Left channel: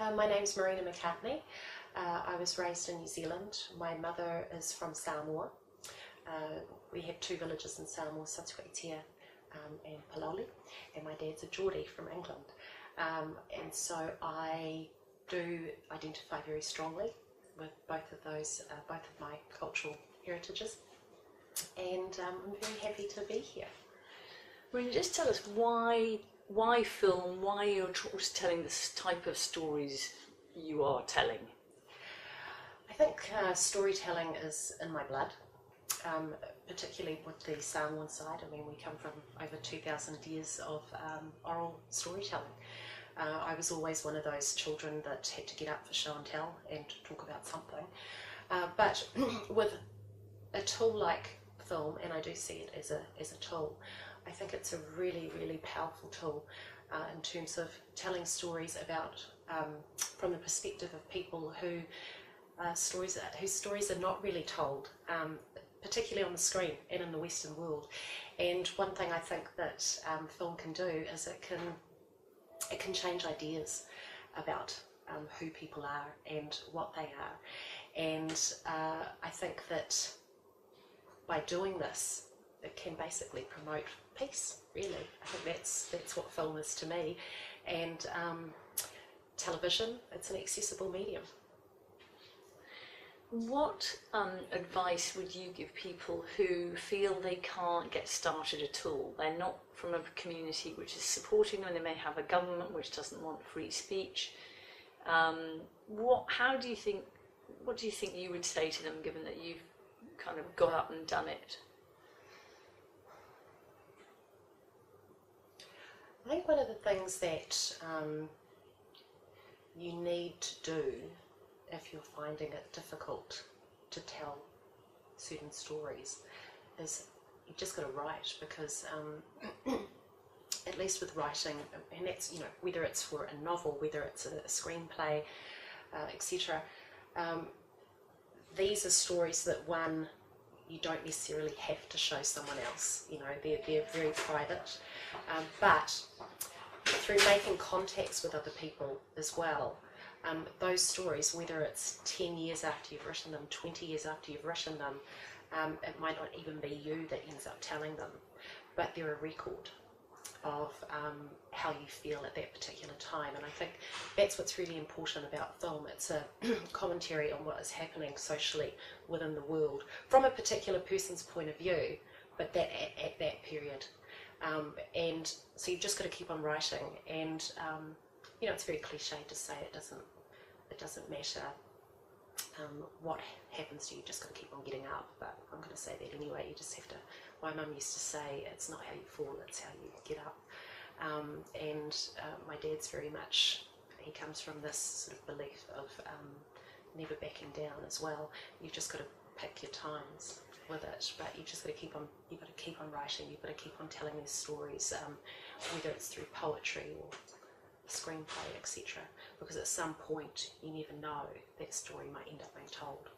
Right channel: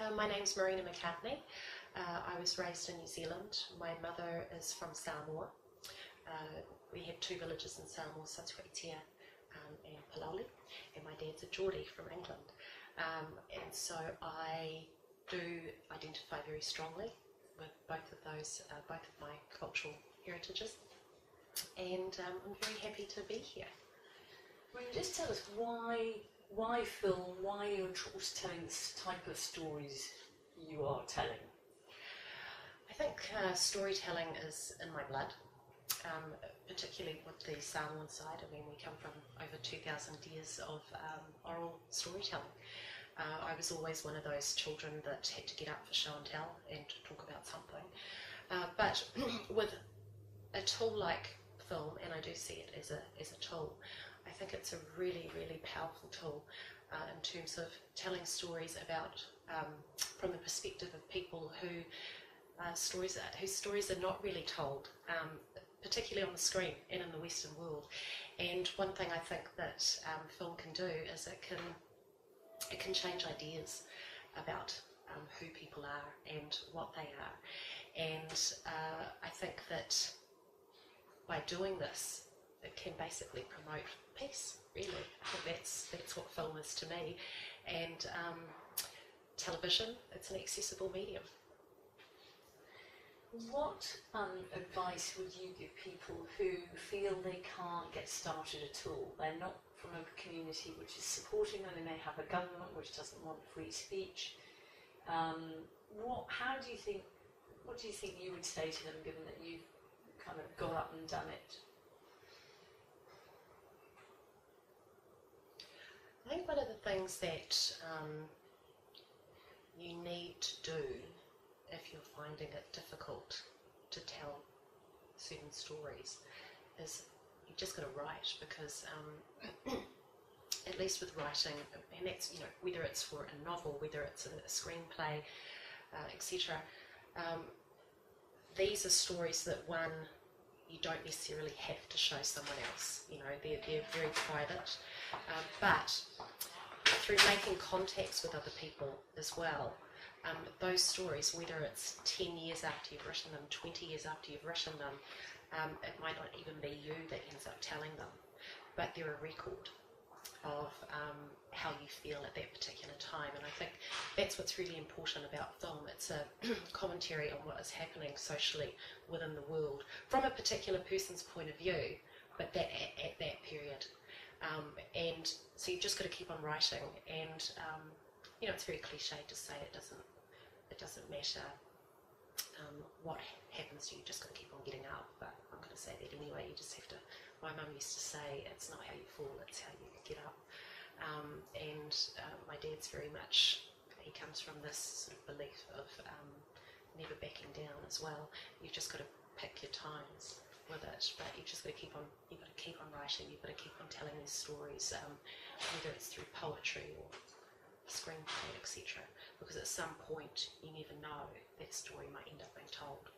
My name's Marina Mcartney. I was raised in New Zealand. My mother is from Samoa. We have two villages in Samoa, Satsuitea and Paloli, and my dad's a Geordie from England. And so I do identify very strongly with both of those, both of my cultural heritages, and I'm very happy to be here. Well, just tell us why film, why you're telling this type of stories you are telling. I think storytelling is in my blood, particularly with the Samoan side. I mean, we come from over 2,000 years of oral storytelling. I was always one of those children that had to get up for show and tell and talk about something. But with a tool like film, and I do see it as a tool, I think it's a really, really powerful tool in terms of telling stories about, from the perspective of people whose stories are not really told, particularly on the screen and in the Western world. And one thing I think that film can do is it can change ideas about who people are and what they are. And I think that by doing this, it can basically promote peace, really. I think that's what film is to me. And television, it's an accessible medium. What advice would you give people who feel they can't get started at all? They're not from a community which is supporting them, they may have a government which doesn't want free speech. What do you think you would say to them, given that you've kind of got up and done it? I think one of the things that you need to do if you're finding it difficult to tell certain stories is you've just got to write, because at least with writing, and that's, whether it's for a novel, whether it's a screenplay, etc., these are stories that, one, you don't necessarily have to show someone else. They're very private, but through making contacts with other people as well, those stories, whether it's 10 years after you've written them, 20 years after you've written them, it might not even be you that ends up telling them, but they're a record of how you feel at that particular time. And I think that's what's really important about film. It's a commentary on what is happening socially within the world from a particular person's point of view, but that at that period. And so you've just got to keep on writing, and it's very cliched to say it doesn't matter what happens to you, just got to keep on getting up, but I'm going to say that anyway. You just have to, my mum used to say, it's not how you fall, it's how you get up. And my dad's very much, he comes from this sort of belief of never backing down as well. You've just got to pick your times with it, but you've just got to keep on writing, you've got to keep on telling these stories, whether it's through poetry or screenplay, etc., because at some point you never know, that story might end up being told.